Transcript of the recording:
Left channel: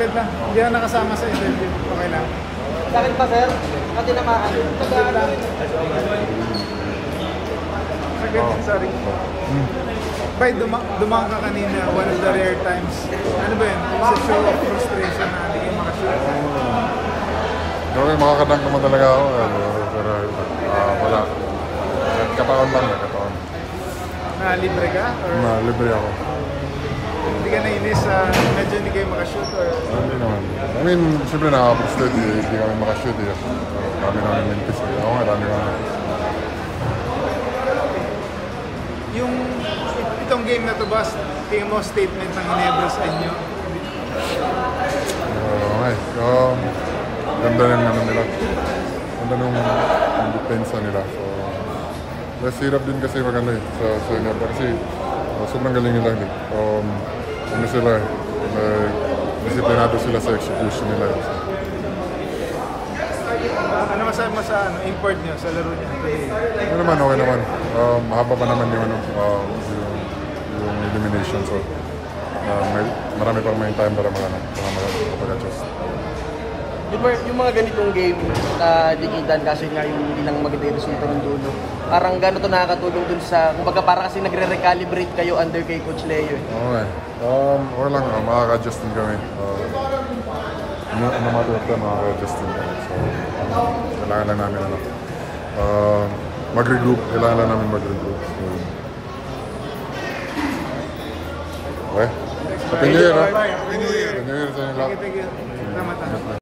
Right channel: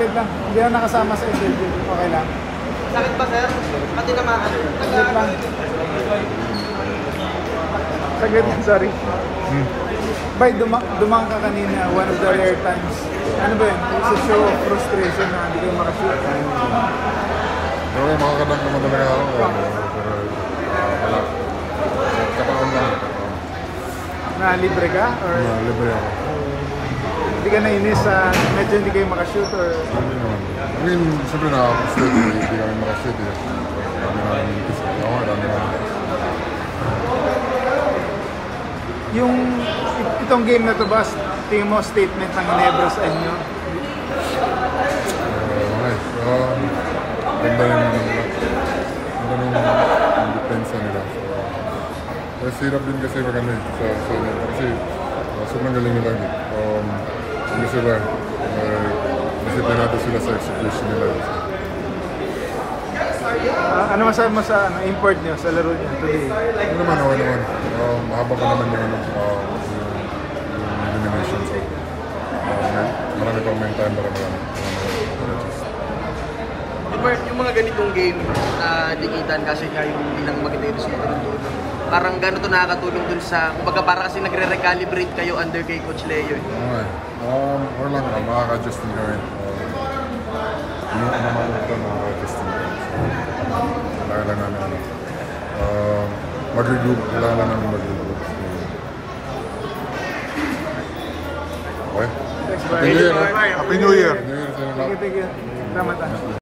saglit lang. Hindi na nakasama sa interview. Okay lang. Sakit pa, sir? Kasi naman. Saglit lang. Saglit lang, sorry. Bay, dumang ka kanina, one of the rare times. Ano ba yun? It's a show of frustration na hindi kayo makashoot. Pero makakadang naman talaga ako. Pero wala. Kapaon lang. Kapaon. Na-libre ka? Na-libre ako. Hindi ka nainis sa medyo hindi kayo makashoot? Hindi naman. I mean, siyempre nakaka-frustrate. Hindi kami makashoot. Dami naman mintis. Oo nga, dami naman mintis. Yung itong game na to ba, tingin mo statement ng Ginebra sa inyo? Okay. Ganda yung ano nila. Ganda nung depensa nila. Mas hirap din kasi maganda sa Ginebra kasi sobrang galing nila din. Ano sila, disiplinado sila sa execution nila. Ano masabi mo sa import niyo, sa laro niyo? Okay naman. Mahaba pa naman yung elimination. So, marami pa may time para mag-adjust. Yung mga ganitong game na dikitan kasi nga yung ilang magandang siya ng dulo. Parang gano'n ito nakakatulong dun sa, kumbaga parang kasi nagre-recalibrate kayo under kay Coach Leo. Okay. Or lang, makaka-adjust din kami. Ano maluot ka, makaka-adjust din kami. So, kailangan lang namin mag-regroup. Kailangan lang namin mag-regroup. So, okay? Happy New Year, ha? Happy New Year! Happy New Year sa inyo lahat. Tama.